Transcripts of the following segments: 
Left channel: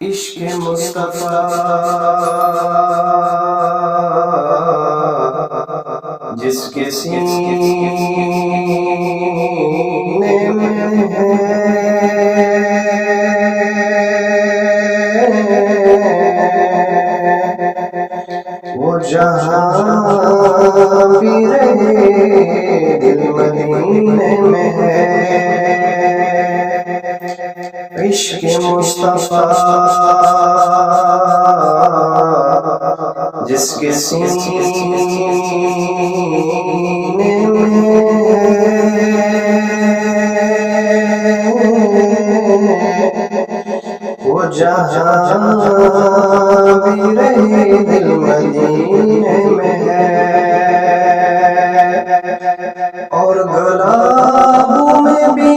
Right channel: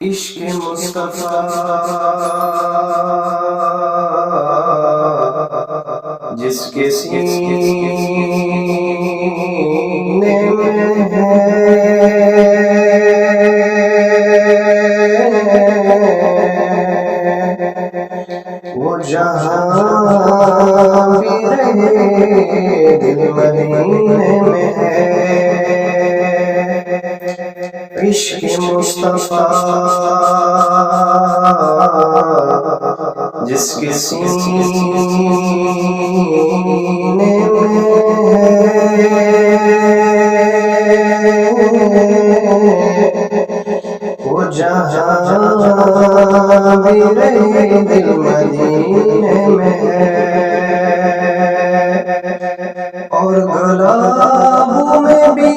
عشق مصطفیٰ جس کے سینے میں ہے وہ جہاں بھی رہے دل مدینے میں ہے۔ عشق مصطفیٰ جس کے سینے میں ہے وہ جہاں بھی رہے دل مدینے میں ہے۔ اور گلابوں میں بھی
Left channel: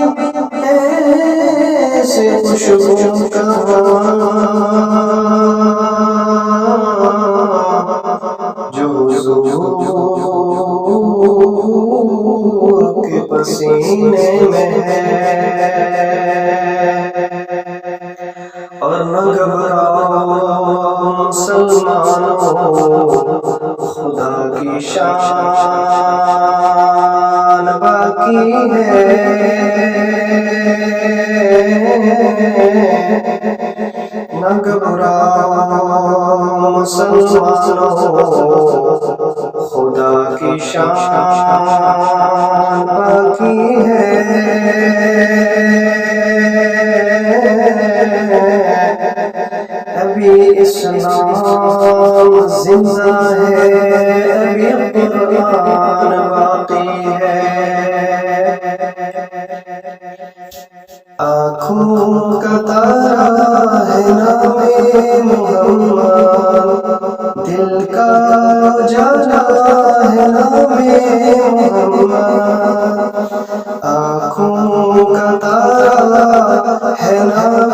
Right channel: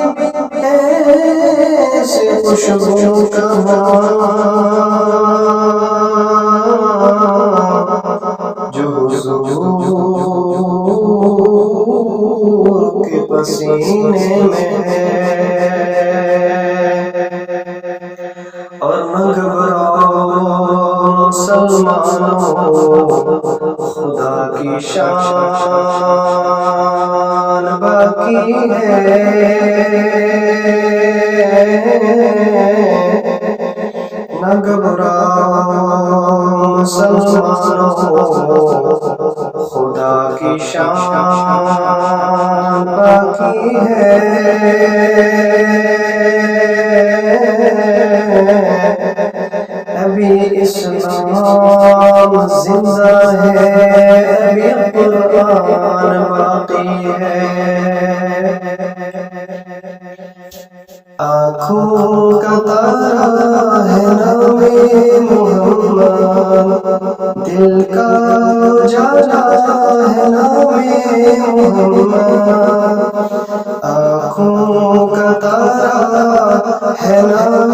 ایسے خوشبو کہاں جو حضور کے پسینے میں ہے۔ اور نہ گھبراؤ مسلمانوں خدا کی شان باقی ہے۔ نہ گھبراؤ مسلمانوں خدا کی شان باقی ہے۔ ابھی اسلام زندہ ہے، ابھی قرآن باقی ہے۔ آنکھوں کا تارا ہے نام محمد، دل کا اجالا ہے نام محمد۔ آنکھوں کا تارا ہے نام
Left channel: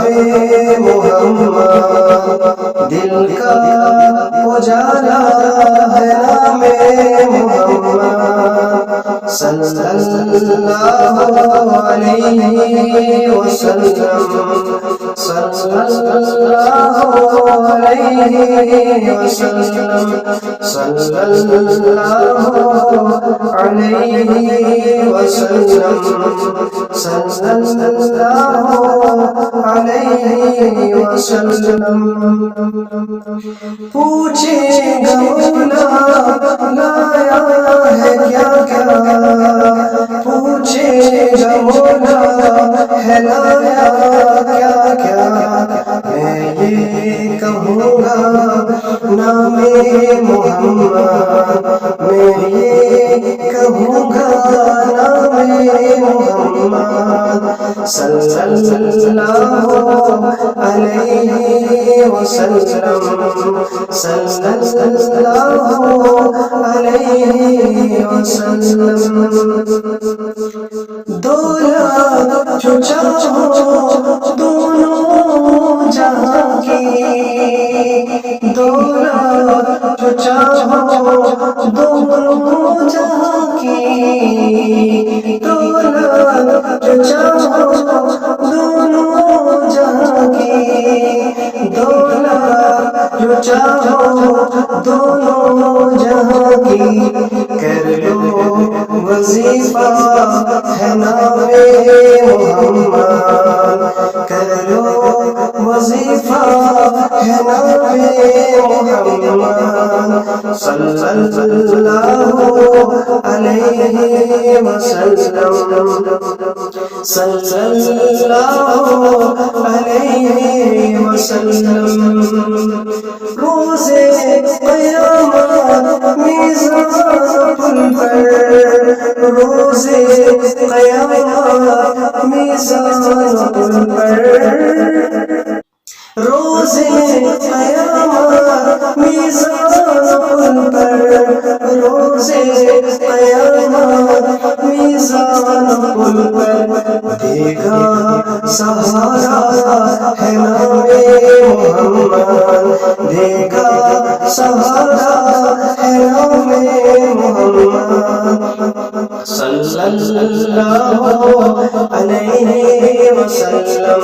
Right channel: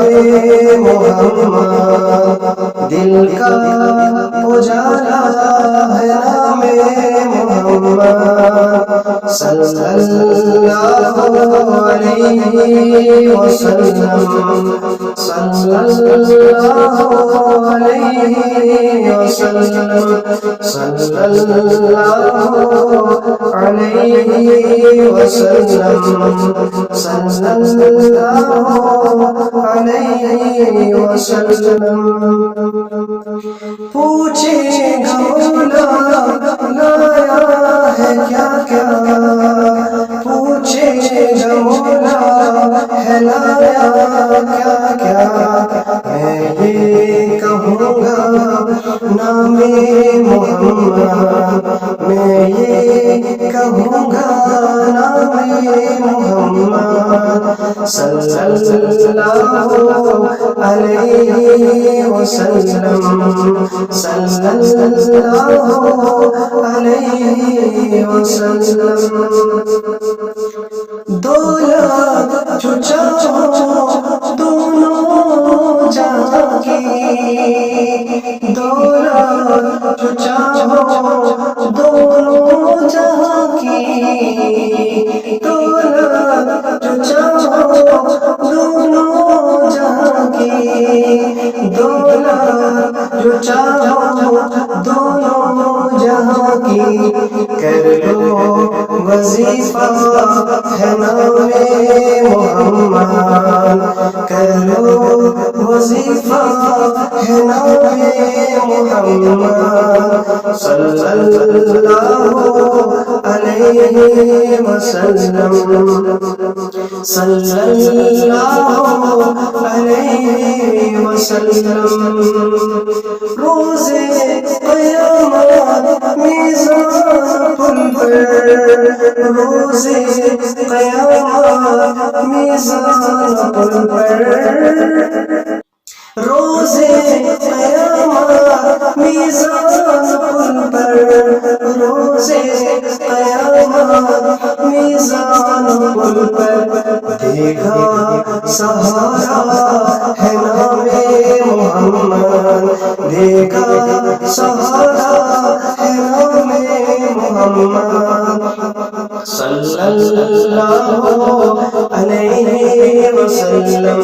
محمد، دل کا اجالا ہے نام محمد۔ صلی اللہ علیہ وسلم، صلی اللہ علیہ وسلم، صلی اللہ علیہ وسلم، صلی اللہ علیہ وسلم۔ پوچھے گا مولا لایا ہے کیا کیا، پوچھے گا مولا ہے لایا کیا کیا۔ میں یہ کہوں گا نام محمد، میں یہ کہوں گا نام محمد۔ صلی اللہ علیہ وسلم، صلی اللہ علیہ وسلم۔ دولت جو چاہو دونوں جہاں کی، دولت جو چاہو دونوں جہاں کی، دولت جو چاہو دونوں جہاں کی، دولت جو چاہو دونوں جہاں کی۔ کر لو وظیفہ ہے نام محمد، کر لو وظیفہ ہے نام محمد۔ صلی اللہ علیہ وسلم، صلی اللہ علیہ وسلم۔ روزے قیامت میزان پل پر، روزے قیامت میزان پل پر، روزے قیامت میزان پل پر، روزے قیامت میزان پل پر۔ دے گا سہارا ہے نام محمد، دے گا سہارا ہے نام محمد۔ صلی اللہ علیہ وسلم،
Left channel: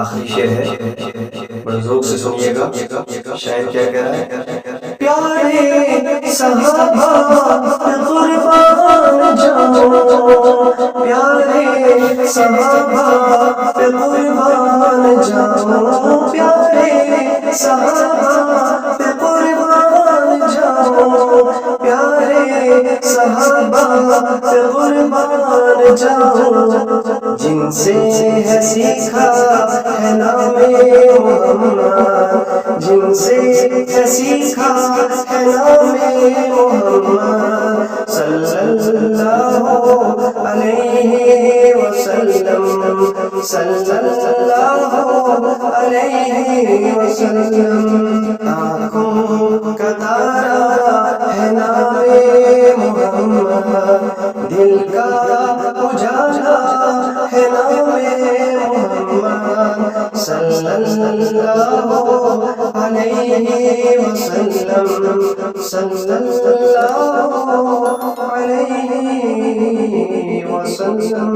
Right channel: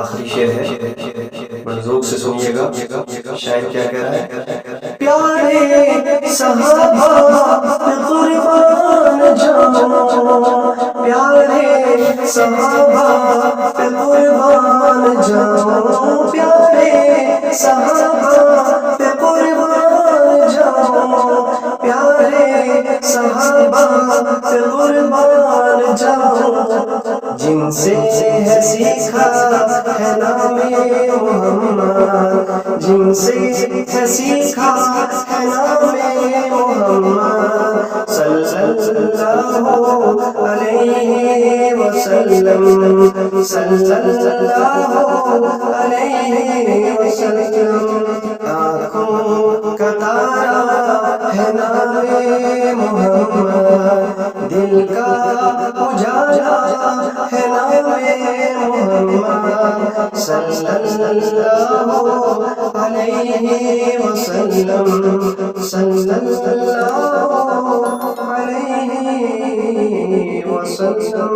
آخری شعر ہے، بڑے ذوق سے سنیے گا، شاعر کیا کہہ رہا ہے؟ پیارے صحابہ پہ قربان جاؤں، پیارے صحابہ پہ قربان جاؤں، پیارے صحابہ پہ قربان جاؤں، پیارے صحابہ پہ قربان جاؤں، جن سے ہے سیکھا ہے نام محمد، جن سے ہے سیکھا ہے نام محمد صلی اللہ علیہ وسلم، صلی اللہ علیہ وسلم۔ آنکھوں کا تارا ہے نام محمد، دل کا اجالا ہے نام محمد صلی اللہ علیہ وسلم، صلی اللہ علیہ وسلم۔